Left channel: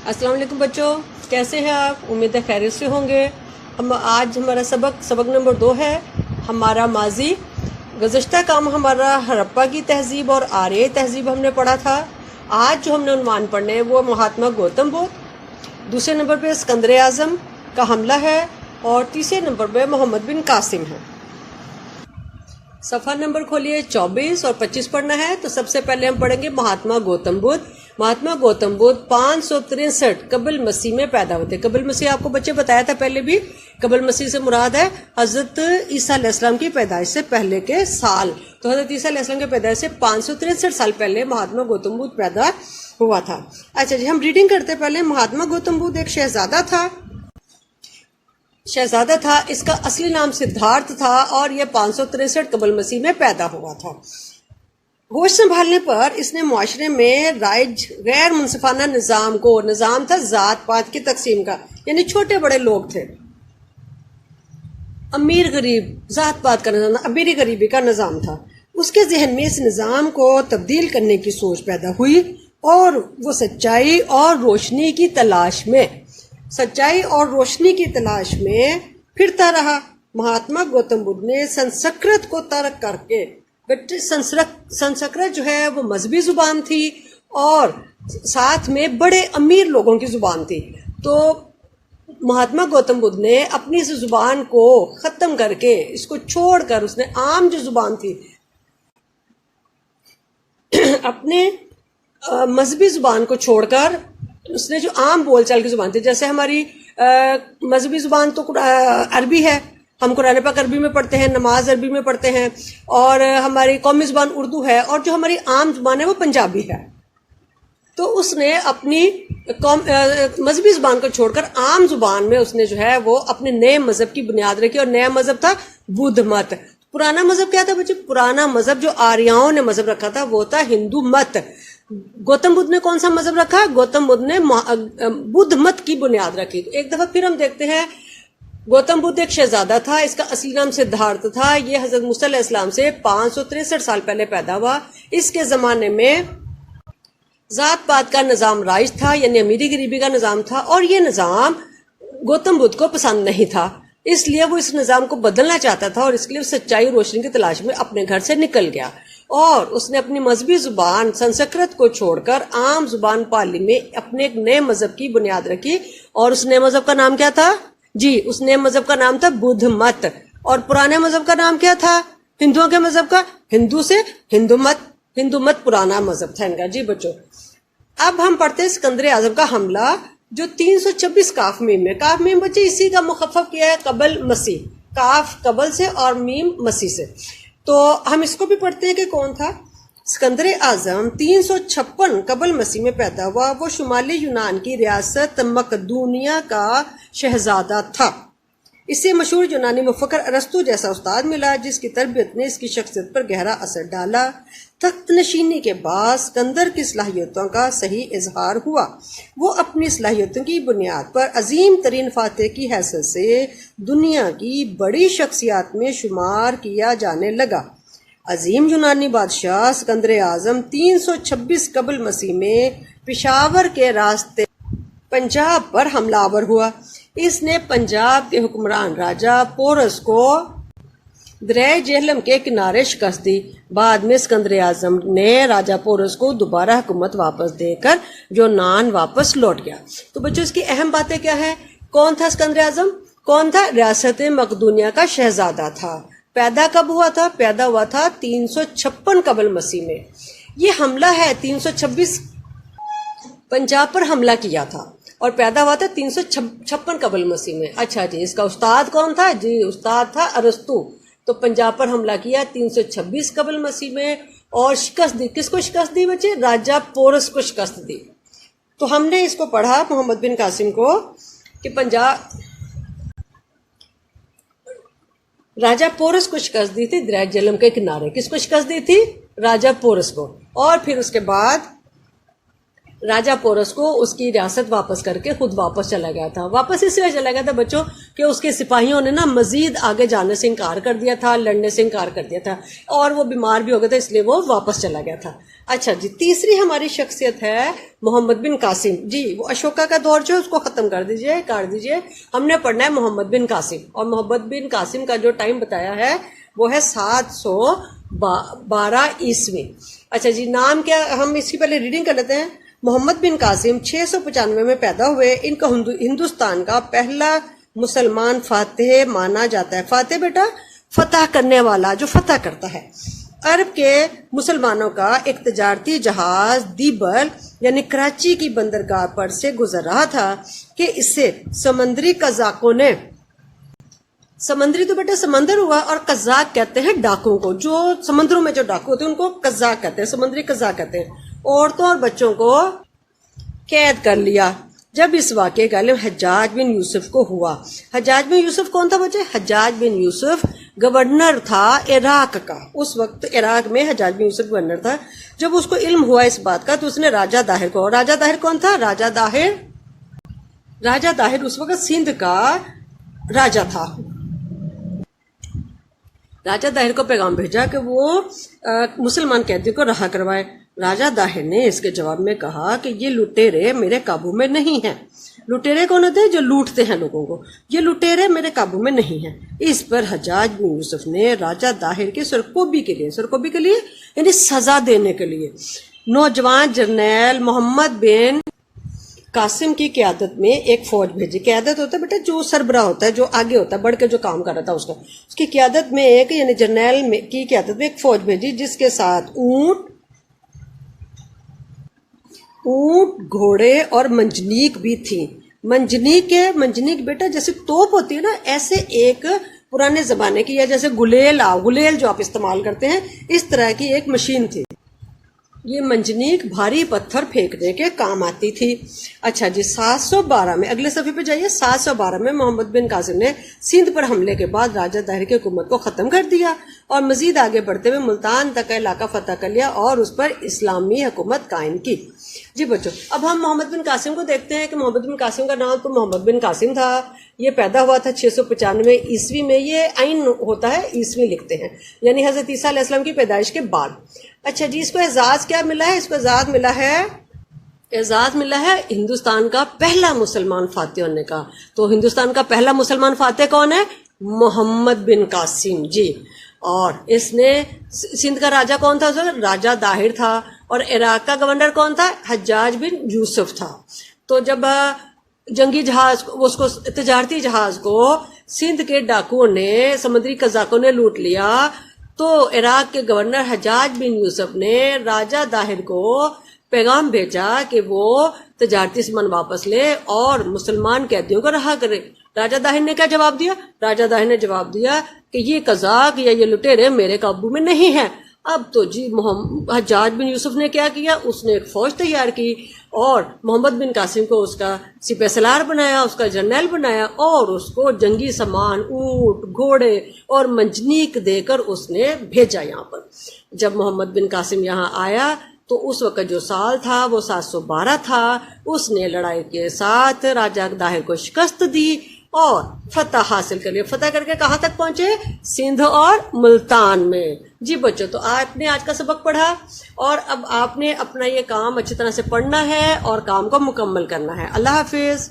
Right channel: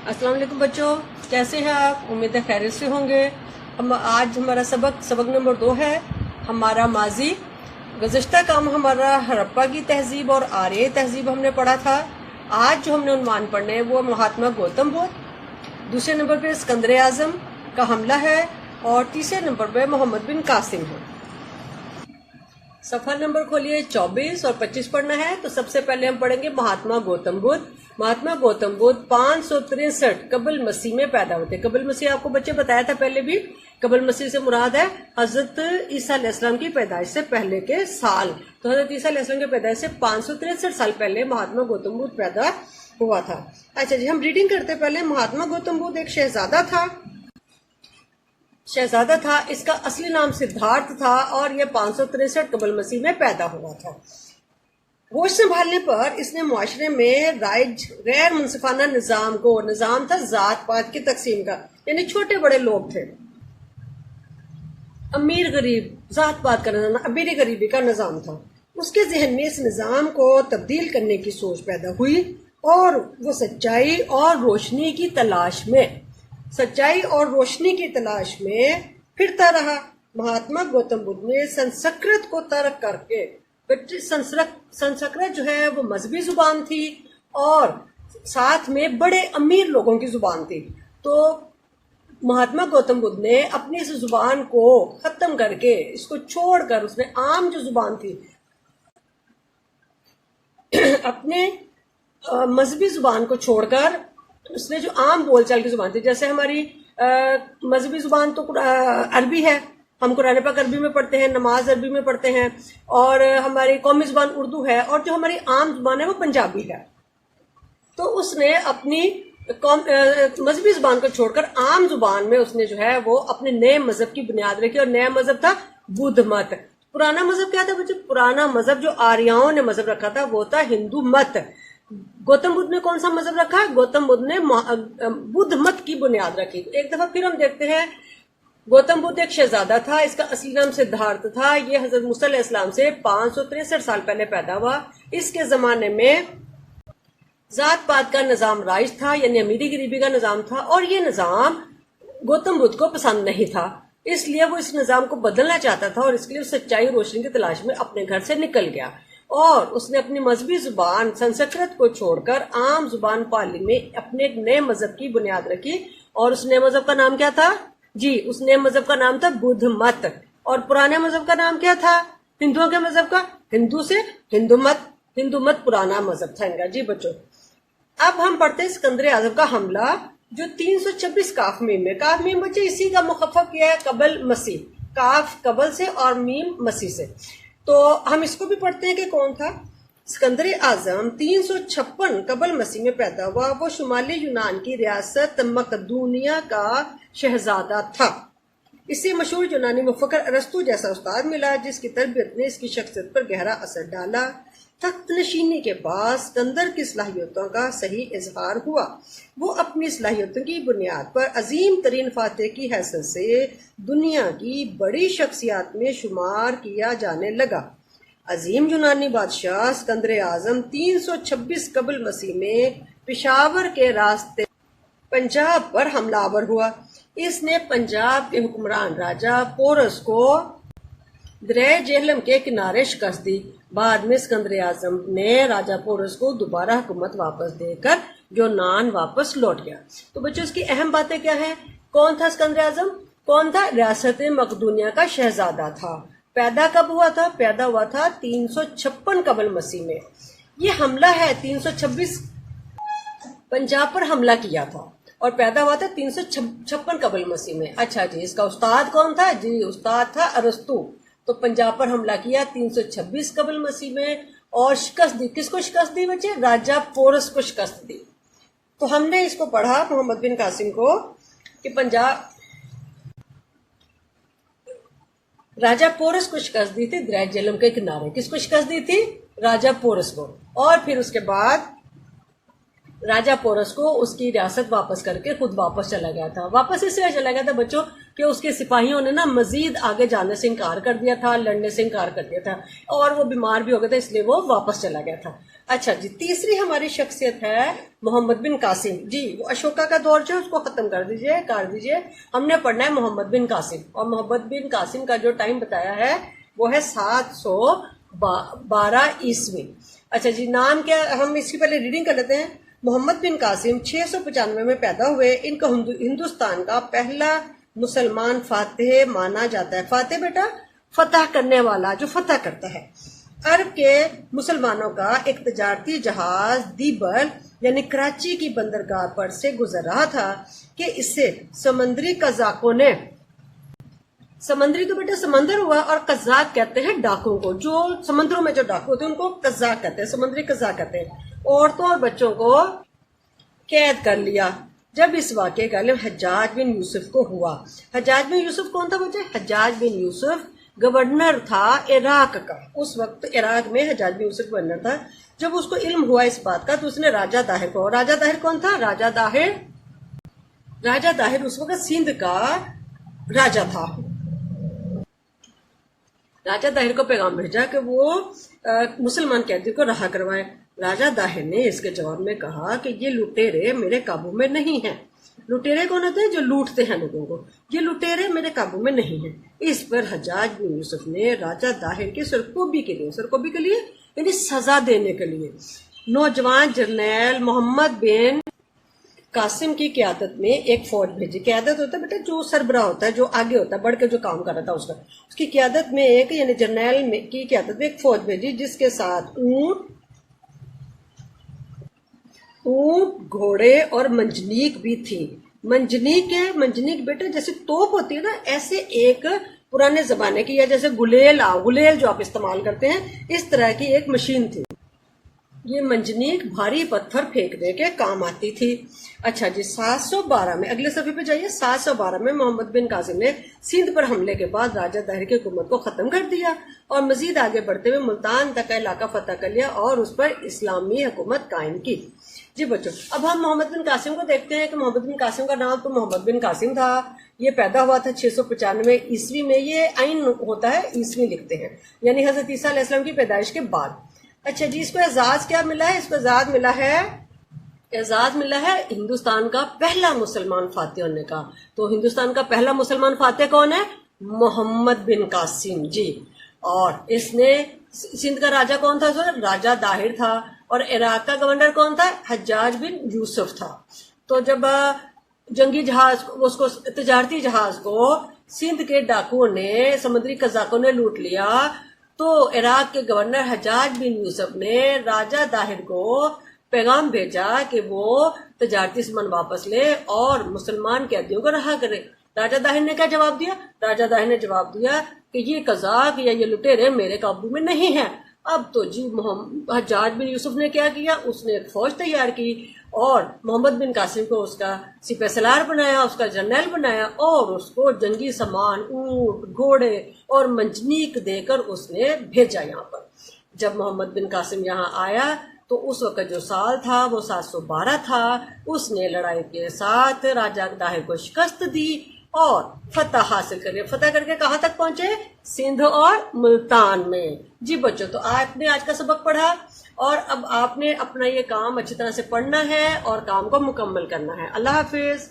अस्सलाम वालेकुम बच्चों, कैसे हैं आप? उम्मीद है खैरियत से होंगे। हम आज हमारा सबक नंबर 2 है, हमारा माजी। गुज़श्ता काम हमारा हड़प्पा की तहजीब और आर्य तहजीब हमने पढ़ा था। आज जो हमने उन्वान पढ़ने हैं वो महात्मा गौतम बुद्ध। दूसरे नंबर पे सिकंदर आज़म का हमला है और तीसरे नंबर पे मोहम्मद बिन कासिम है। सफ़ा नंबर खोलिए 24 और 25 पढ़ना है। तो सबसे पहले हम पढ़ेंगे महात्मा गौतम बुद्ध। महात्मा गौतम बुद्ध 563 कबल मसीह में पैदा होते। कबल मसीह आपको बच्चे बताया था पहले भी। कबल मसीह से मुराद है हजरत ईसा अलैहिस्सलाम की पैदाइश से पहले के साल। तो हजरत ईसा अलैहिस्सलाम की पैदाइश से 563 साल पहले महात्मा गौतम बुद्ध पैदा हुआ था। अच्छा जी, हम रीडिंग करते पहले। महात्मा गौतम बुद्ध एक शहजादा था। इसका असली नाम सिद्धार्थ था और यह 563 कबल मसीह में पैदा हुआ था। होश संभालने पर इसने मुआशरे में राइज गैर मुनसिफाना निजाम था जात पात की तकसीम का, यानी छोटे बड़े लोग थे, अमीर गरीब जात पात का निजाम, अमीरी गरीबी का निजाम था। उसके जहन में इस निजाम को तब्दील करने की सोच पैदा हुई और वो सच्चाई और रोशनी की तलाश में फिरता रहा। महात्मा गौतम बुद्ध ने संस्कृत को तर्क करके, संस्कृत जो है वो मजहबी जुबान थी और साथ में बड़े अमीर लोगों की जुबान थी। तो महात्मा गौतम बुद्ध ने अपनी इस जुबान को खत्म करके, इसको छोड़कर, उसने आम जो जुबान थी अपने मजहबी जुबान को छोड़कर उसने जो आम बोलचाल की जुबान थी, जैसे हमारी मजहबी जुबान तो अरबी है, हम कुरान पाक अरबी में पढ़ते हैं, नमाज अरबी में पढ़ते हैं, और हमारी कौमी जुबान उर्दू है, और जो हमारी आम जुबान है वो पंजाबी है। तो उसने अपनी मजहबी जुबान को छोड़कर आम जुबान में उसने जो है वो अपने नए मजहब की बुनियाद रखी, और नया मजहब था बुद्ध मत। पुराना मजहब क्या था बच्चों? पुराना मजहब जो आर्यों ने मजहब रखा था वो था हिंदू मत। गौतम बुद्ध ने कौन सा मजहब रखा? गौतम बुद्ध ने बुद्ध मत की बुनियाद रखी। तो एक दफा फिर हम देखते हैं, गौतम बुद्ध एक शहजादा था, इसका असली नाम सिद्धार्थ था। ये हजरत मूसा अलैहिस्सलाम से 563 साल पहले पैदा हुआ। इसके जमाने में जात पात का निजाम राइज था, यानी अमीरी गरीबी का निजाम था, और ये निजाम गौतम बुद्ध को पसंद नहीं था। इसलिए वो इस निजाम को बदलना चाहता था और इसके लिए सच्चाई रोशनी की तलाश में अपने घर से निकल गया और उसने अपनी मजहबी जुबान संस्कृत को छोड़कर आम जुबान पाली में अपने एक नए मजहब की बुनियाद रखी। और उस नए मजहब का नाम क्या था? जी, उस नए मजहब का नाम था बुद्ध मत। और पुराने मजहब का नाम क्या था? हिंदुओं के मजहब का, हिंदू से हिंदू मत पुराना मजहब था इनका। जी बच्चों, अब हम पढ़ते हैं सिकंदर आजम का हमला, जो 326 काफ मीम बच्चे इसी का मुखफ़फ़ किया है, कबल मसीह, काफ कबल से और मीम मसीह से। तो हम इसको भी पढ़ते हैं कि कौन था सिकंदर आजम। 356 कबल मसीह में पैदा हुआ। वो शुमाली यूनान की रियासत मकदूनिया का शहजादा था। इससे मशहूर यूनानी मुफक्कर अरस्तु जैसा उस्ताद मिला, जिसकी तरबियत ने इसकी शख्सियत पर गहरा असर डाला। तख्त नशीनी के बाद सिकंदर की सलाहियतों का सही इजहार हुआ। वो अपनी सलाहियतों की बुनियाद पर अजीम तरीन फातेह की हैसियत से दुनिया की बड़ी शख्सियात में शुमार किया जाने लगा। अजीम यूनानी बादशाह सिकंदर आजम 326 कबल मसीह में पेशावर के रास्ते पंजाब पर हमलावर हुआ। इसने पंजाब के हुक्मरान राजा पोरस को दरिया जेहलम के किनारे शिकस्त दी। बाद में सिकंदर आजम ने राजा पोरस को दोबारा हुकूमत वापस देकर यूनान वापस लौट गया। तो बच्चों, इसकी अहम बातें क्या है? कौन था सिकंदर आजम? कौन था? रियासत मकदूनिया का शहजादा था। पैदा कब हुआ था? पैदा हुआ था 356 कबल मसीह में। ये हमला है 326, पंजाब पर हमला किया था और पैदा हुआ था 356 कबल मसीह में। अच्छा जी, इसका उस्ताद कौन था? जी, उस्ताद था अरस्तु। तो पंजाब पर हमला किया 326 कबल मसीह में और शिकस्त दी। किसको शिकस्त दी बच्चे? राजा पोरस को शिकस्त दी। तो हमने इसको पढ़ा मोहम्मद बिन कासिम को कि राजा पोरस को शिकस्त दी थी दरिया जेहलम के किनारे। किसको शिकस्त दी थी? राजा पोरस को। और फिर उसके बाद راجہ پورس کو اس کی ریاست واپس کر کے خود واپس چلا گیا تھا. واپس اس لیے چلا گیا تھا بچوں کہ اس کے سپاہیوں نے نا مزید آگے جانے سے انکار کر دیا تھا, لڑنے سے انکار کر دیا تھا, اور وہ بیمار بھی ہو گیا تھا, اس لیے وہ واپس چلا گیا تھا. اچھا جی, تیسری ہماری شخصیت ہے محمد بن قاسم. جی وہ اشوکا کا دور جو ہے اس کو ختم کر دیجئے. ہم نے پڑھنا ہے محمد بن قاسم, اور محمد بن قاسم کا جو ٹائم بتایا ہے وہ ہے 712 عیسوی. اچھا جی, نام کیا, ہم اس کی پہلے ریڈنگ کر لیتے ہیں. محمد بن قاسم 695 میں پیدا ہوئے. ان کو ہندوستان کا پہلا مسلمان فاتح مانا جاتا ہے. فاتح بیٹا فتح کرنے والا, جو فتح کرتا ہے. عرب کے مسلمانوں کا ایک تجارتی جہاز دیبل یعنی کراچی کی بندرگاہ پر سے گزر رہا تھا کہ اسے سمندری قزاقوں نے, سمندری تو بیٹا سمندر ہوا, اور قزاق کہتے ہیں ڈاکوں کو, جو سمندروں میں جو ڈاکو ہوتے ہیں ان کو قزاق کہتے ہیں, سمندری قزاق کہتے ہیں. عورتوں اور بچوں کو قید کر لیا. جب اس واقعے کا علم حجاج بن یوسف کو ہوا. حجاج بن یوسف کون تھا بچے؟ حجاج بن یوسف گورنر تھا عراق کا. اس وقت عراق میں حجاج بن یوسف گورنر تھا. جب اس کو علم ہوا اس بات کا تو اس نے راجہ داہر کو, راجہ داہر کون تھا؟ راجہ داہر اس وقت سندھ کا راجہ تھا. راجہ داہر کو پیغام بھیجا کہ وہ مسلمان قیدی کو رہا کروائے. راجہ داہر نے اس کے جواب میں کہا کہ یہ لٹیرے میرے قابو میں نہیں ہیں. لٹیرے کون ہوتے ہیں؟ جو لوٹتے ہیں لوگوں کو. یہ لٹیرے میرے قابو میں نہیں ہیں. اس پر حجاج بن یوسف نے راجہ داہر کی سرکوبی کے لیے یعنی سزا دینے کے لیے نوجوان جرنیل محمد بن قاسم کی قیادت میں ایک فوج بھیجی. قیادت ہوتا ہے بیٹا جو سربراہ ہوتا ہے, جو آگے ہوتا ہے, بڑھ کے جو کام کر رہا تھا اس کی قیادت میں ایک یعنی جرنیل کی قیادت میں ایک فوج بھیجی جس کے ساتھ اونٹ, گھوڑے اور منجنیق بھی تھی. منجنیق بیٹا جیسے توپ ہوتی ہے نا, ایسے ایک پرانے زمانے کی, یا جیسے گلیل جو آپ استعمال کرتے ہیں, اس طرح کی ایک مشین تھی. یہ منجنیق بھاری پتھر پھینکنے کے کام آتی تھی. اچھا جی, 712 میں, اگلے صفحے پہ جائیے. 712 میں محمد بن قاسم نے سندھ پر حملے کے بعد راجہ داہر کی حکومت کو ختم کر دیا اور مزید آگے بڑھتے ہوئے ملتان تک کا علاقہ فتح کر لیا اور اس پر اسلامی حکومت قائم کی. جی بچوں, اب ہم محمد بن قاسم کو دیکھتے ہیں کہ محمد بن قاسم کا نام تو محمد بن قاسم تھا. یہ پیدا ہوا تھا 695 عیسوی میں. یہ عین ہوتا ہے, عیسوی لکھتے ہیں, یعنی حضرت عیسیٰ علیہ السلام کی پیدائش کے بعد. اچھا جی, اس کو اعزاز کیا ملا ہے؟ اس کو اعزاز ملا ہے ہندوستان کا پہلا مسلمان فاتح ہونے کا. تو ہندوستان کا پہلا مسلمان فاتح کون ہے؟ محمد بن قاسم. جی, اور اس نے سندھ کا راجہ کون تھا؟ راجہ داہر تھا. اور عراق کا گورنر کون تھا؟ حجاج بن یوسف تھا. تو جب جنگی جہاز, اس کو تجارتی جہاز کو سندھ کے ڈاکوؤں نے, سمندری قزاقوں نے لوٹ لیا, تو عراق کے گورنر حجاج بن یوسف نے راجہ داہر کو پیغام بھیجا کہ وہ تجارتی سامان واپس لے اور مسلمان قیدیوں کو رہا کرے. راجہ داہر نے کیا جواب دیا؟ راجہ داہر نے جواب دیا کہ یہ قزاق یا یہ لٹیرے میرے قابو میں نہیں ہیں. اب تو جی حجاج بن یوسف نے کیا کیا؟ اس نے ایک فوج تیار کی اور محمد بن قاسم کو اس کا سپہ سالار بنایا, اس کا جرنیل بنایا, اور اس کو جنگی سامان, اونٹ, گھوڑے اور منجنیق دے کر اس نے بھیجا یہاں پر. جب محمد بن قاسم یہاں آیا تو اس وقت جو سال تھا وہ 712 تھا. اس نے لڑائی کے ساتھ راجہ داہر کو شکست دی اور فتح حاصل کر لیا. فتح کر کے کہاں تک پہنچے؟ سندھ اور ملتان میں. جی بچوں, تو آپ نے آج کا سبق پڑھا اور اب آپ نے اپنا یہ کام اچھی طرح سے پڑھنا ہے اور کام کو مکمل کرنا ہے. اللہ حافظ.